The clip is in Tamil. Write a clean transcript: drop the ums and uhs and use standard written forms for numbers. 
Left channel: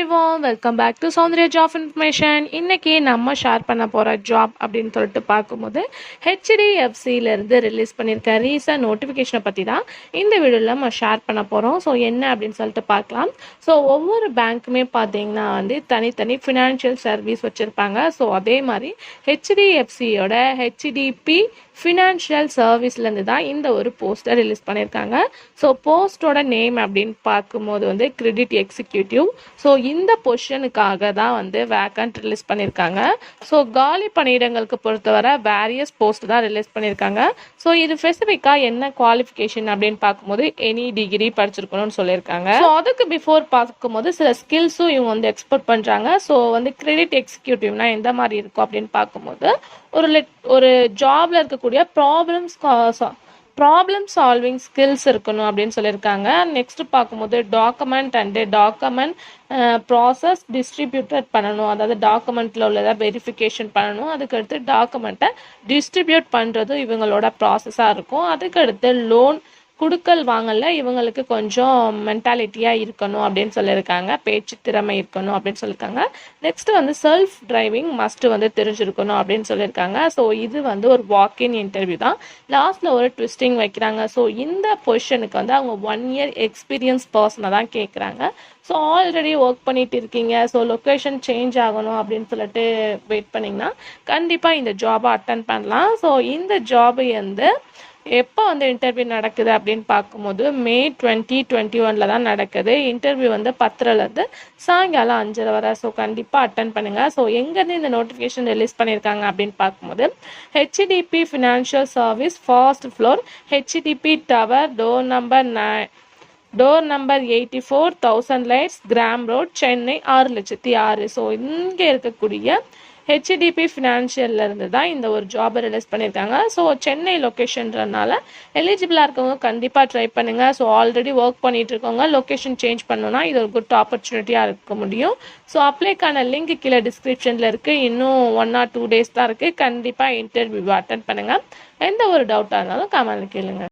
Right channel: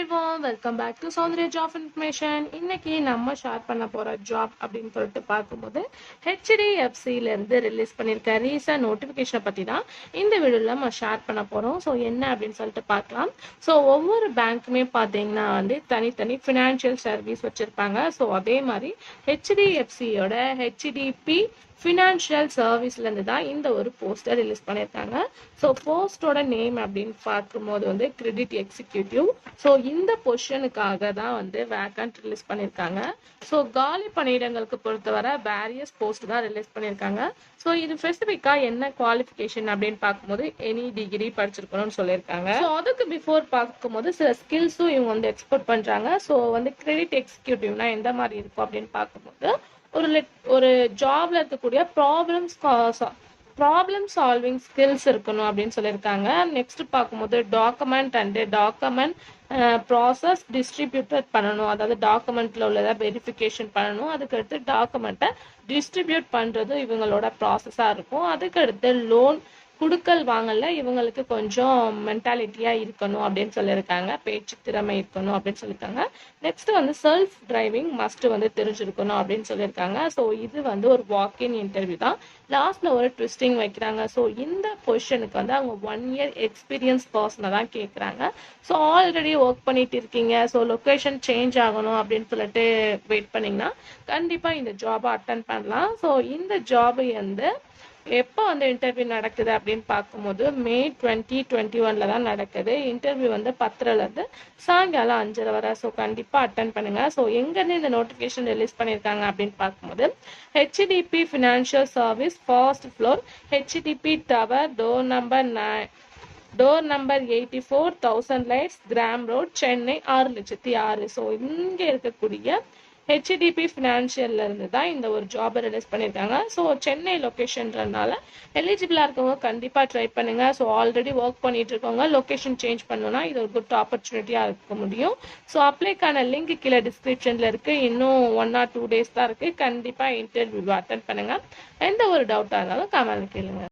everyone, welcome back to Soundria Job Information. இன்னைக்கு நம்ம ஷேர் பண்ண போகிற ஜாப் அப்படின்னு சொல்லிட்டு பார்க்கும்போது ஹெச்டிஎஃப்சியிலேருந்து ரிலீஸ் பண்ணியிருக்க ரீசன்ட் நோட்டிஃபிகேஷனை பற்றி தான் இந்த வீடியோவில் நம்ம ஷேர் பண்ண போகிறோம். ஸோ என்ன அப்படின்னு சொல்லிட்டு பார்க்கலாம். ஸோ ஒவ்வொரு பேங்க்குமே பார்த்தீங்கன்னா தனித்தனி ஃபினான்ஷியல் சர்வீஸ் வச்சுருப்பாங்க. ஸோ அதே மாதிரி ஹெச்டிஎஃப்சியோட ஹெச்டிபி ஃபினான்ஷியல் சர்வீஸ்லேருந்து தான் இந்த ஒரு போஸ்ட்டை ரிலீஸ் பண்ணியிருக்காங்க. ஸோ போஸ்ட்டோட நேம் அப்படின்னு பார்க்கும்போது கிரெடிட் எக்ஸிக்யூட்டிவ். ஸோ இந்த பொசிஷனுக்காக தான் வேக்கண்ட் ரிலீஸ் பண்ணியிருக்காங்க. ஸோ காலி பணியிடங்களுக்கு பொறுத்தவரை வேரியஸ் போஸ்ட் தான் ரிலீஸ் பண்ணியிருக்காங்க. ஸோ இது ஸ்பெசிஃபிக்காக என்ன குவாலிஃபிகேஷன் அப்படின்னு பார்க்கும்போது எனி டிகிரி படிச்சிருக்கணும்னு சொல்லியிருக்காங்க. ஸோ அதுக்கு பிஃபோர் பார்க்கும்போது சில ஸ்கில்ஸும் இவங்க எக்ஸ்போர்ட் பண்ணுறாங்க. ஸோ கிரெடிட் எக்ஸிக்யூட்டிவ்னா எந்த மாதிரி இருக்கும் அப்படின்னு பார்க்கும்போது ஒரு ஜாப்ல இருக்கக்கூடிய ப்ராப்ளம் சால்விங் ஸ்கில்ஸ் இருக்கணும் அப்படின்னு சொல்லியிருக்காங்க. நெக்ஸ்ட் பார்க்கும்போது டாக்குமெண்ட் ப்ராசஸ் டிஸ்ட்ரிபியூட்டட் பண்ணணும். அதாவது டாக்குமெண்ட்டில் உள்ளதை வெரிஃபிகேஷன் பண்ணணும். அதுக்கடுத்து டாக்குமெண்ட்டை டிஸ்ட்ரிபியூட் பண்ணுறதும் இவங்களோட ப்ராசஸாக இருக்கும். அதுக்கடுத்து லோன் குடுக்கல் வாங்கல இவங்களுக்கு கொஞ்சம் மென்டாலிட்டியாக இருக்கணும் அப்படின்னு சொல்லியிருக்காங்க. பேச்சு திறமை இருக்கணும் அப்படின்னு சொல்லியிருக்காங்க. நெக்ஸ்ட் செல்ஃப் டிரைவிங் மஸ்ட் தெரிஞ்சிருக்கணும் அப்படின்னு சொல்லியிருக்காங்க. ஸோ இது ஒரு வாக்கின் இன்டர்வியூ தான். லாஸ்ட்டில் ஒரு ட்விஸ்டிங் வைக்கிறாங்க. ஸோ இந்த பொசிஷனுக்கு அவங்க 1 இயர் எக்ஸ்பீரியன்ஸ் பர்சனை தான் கேட்குறாங்க. ஸோ ஆல்ரெடி ஒர்க் பண்ணிட்டு இருக்கீங்க, ஸோ லொக்கேஷன் சேஞ்ச் ஆகணும் அப்படின்னு சொல்லிட்டு வெயிட் பண்ணிங்கன்னா கண்டிப்பாக இந்த ஜாபை அட்டன் பண்ணலாம். ஸோ இந்த ஜாபு எப்போ இன்டர்வியூ நடக்குது அப்படின்னு பார்க்கும்போது மே 2021 தான் நடக்குது. இன்டர்வியூ 10:00 சாயங்காலம் 5:30 வரை. ஸோ கண்டிப்பாக அட்டன் பண்ணுங்க. ஸோ எங்கேருந்து இந்த நோட்டிஃபிகேஷன் ரிலீஸ் பண்ணியிருக்காங்க அப்படின்னு பார்க்கும்போது HDB financial service first floor HDB tower door number 84 1000 lights gram road Chennai 6,06,000. So இங்கே இருக்கக்கூடிய ஹெச்டிபி ஃபினான்ஷியல்ல இருந்து தான் இந்த ஒரு ஜாபை ரிலீஸ் பண்ணியிருக்காங்க. ஸோ சென்னை லொக்கேஷன்றனால எலிஜிபிளாக இருக்கவங்க கண்டிப்பாக ட்ரை பண்ணுங்க. ஸோ ஆல்ரெடி ஒர்க் பண்ணிட்டு இருக்கவங்க லொக்கேஷன் சேஞ்ச் பண்ணணும்னா இது ஒரு குட் ஆப்பர்ச்சுனிட்டியாக இருக்க முடியும். ஸோ அப்ளைக்கான லிங்க் கீழே டிஸ்கிரிப்ஷனில் இருக்குது. இன்னும் 1 or 2 days தான் இருக்குது. கண்டிப்பாக இன்டர்வியூ அட்டன் பண்ணுங்கள். எந்த ஒரு டவுட்டாக இருந்தாலும் கமெண்ட்ல கேளுங்க.